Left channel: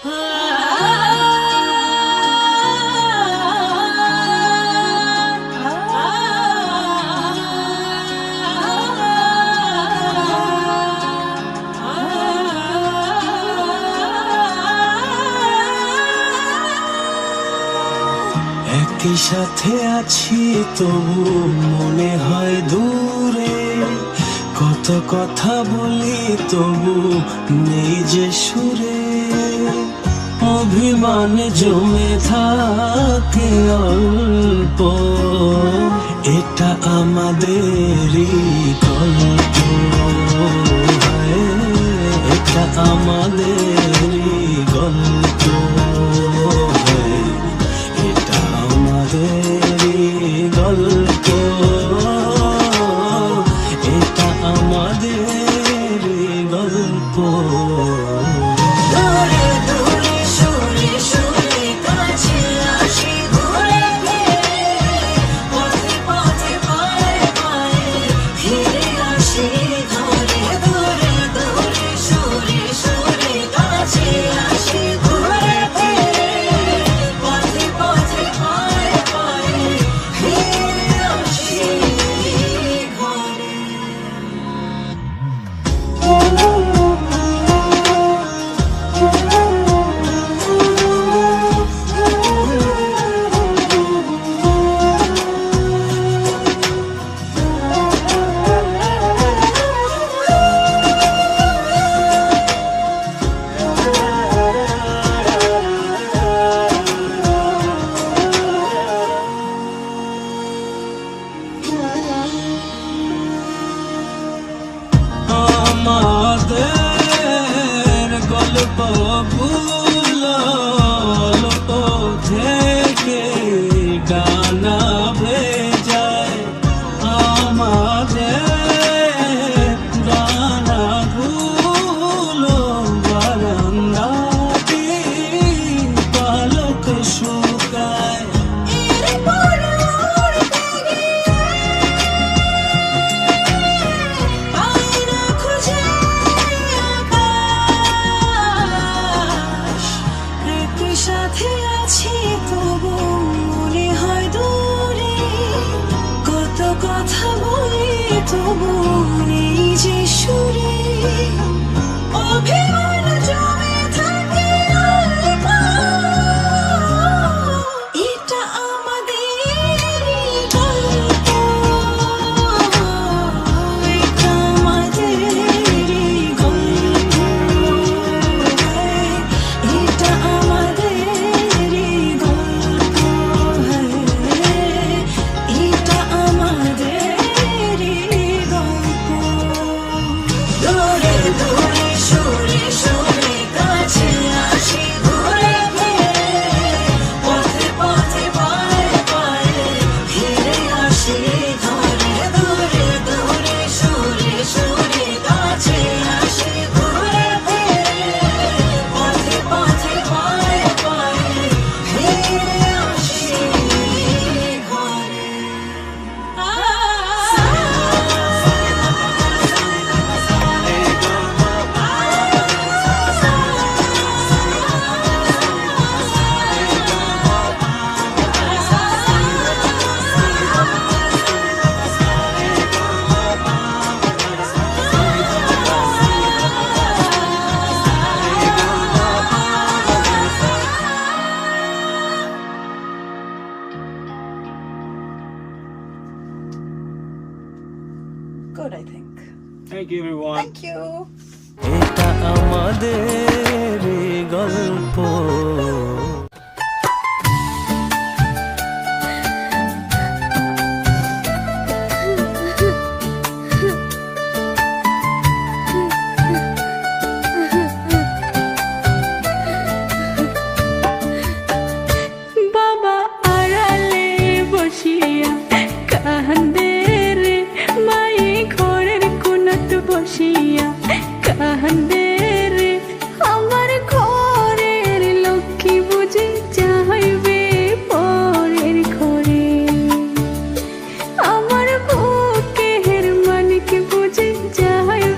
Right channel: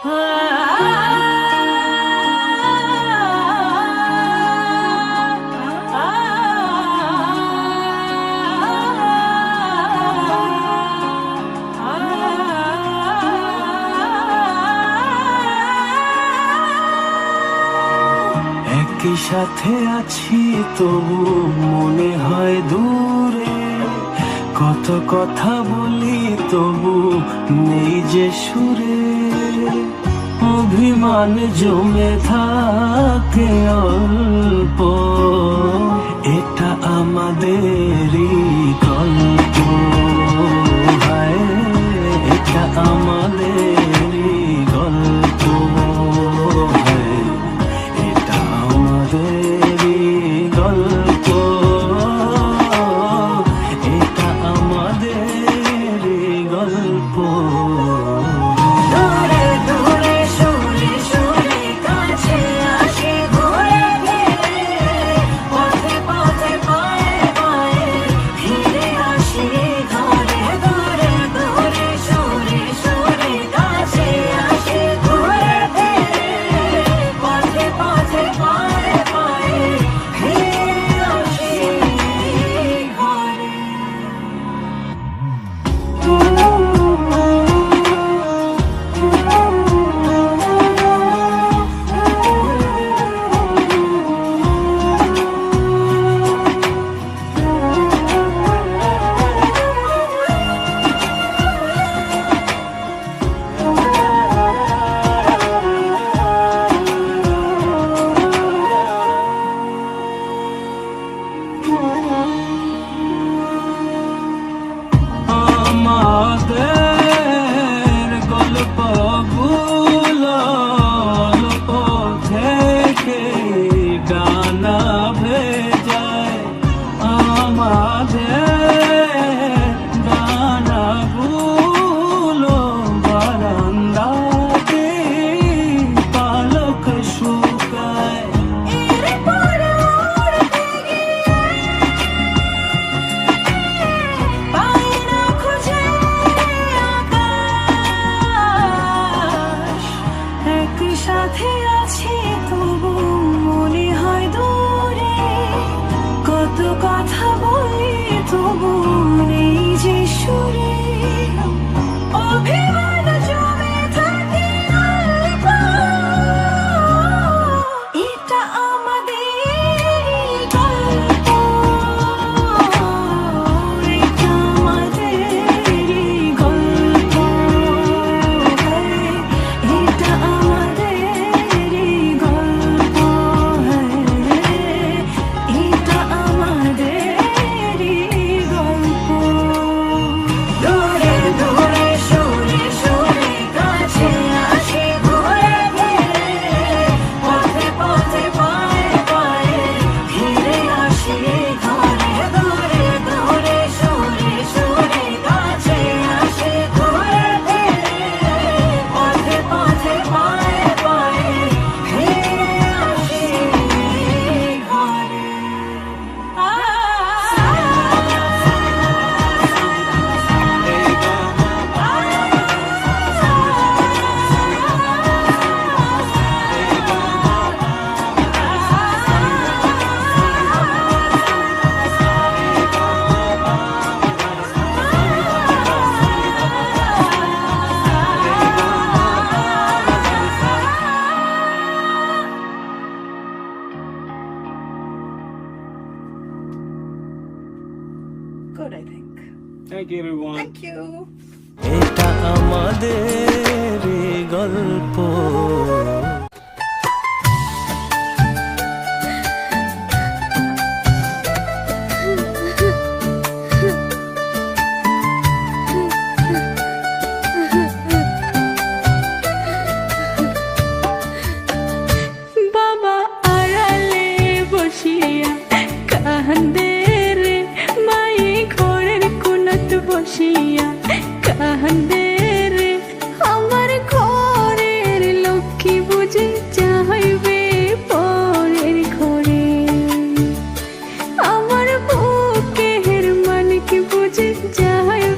একই সাথে আছি তবু মনে হয় দূরে, কত কথা বলি তবু নেই যে সুরে, অভিমান জমে থাকে অল্প, এটা আমাদেরই গল্প, এটা আমাদেরই গল্প, এটা আমাদেরই গল্প, এটা আমাদেরই গল্প। সাথে আছি তবু মনে হয় দূরে, কত কথা বলি তবু নেই যে সুরে, অভিমান জমে থাকে অল্প, এটা আমাদেরই গল্প, এটা আমাদেরই গল্প, এটা good, I think. Thank you, everyone. Thank you. এটা আমাদেরই গল্প। বাবা আড়ালে বসিয়া কান্দে রে, মাই ঘরের কোণত বসিয়া কান্দে।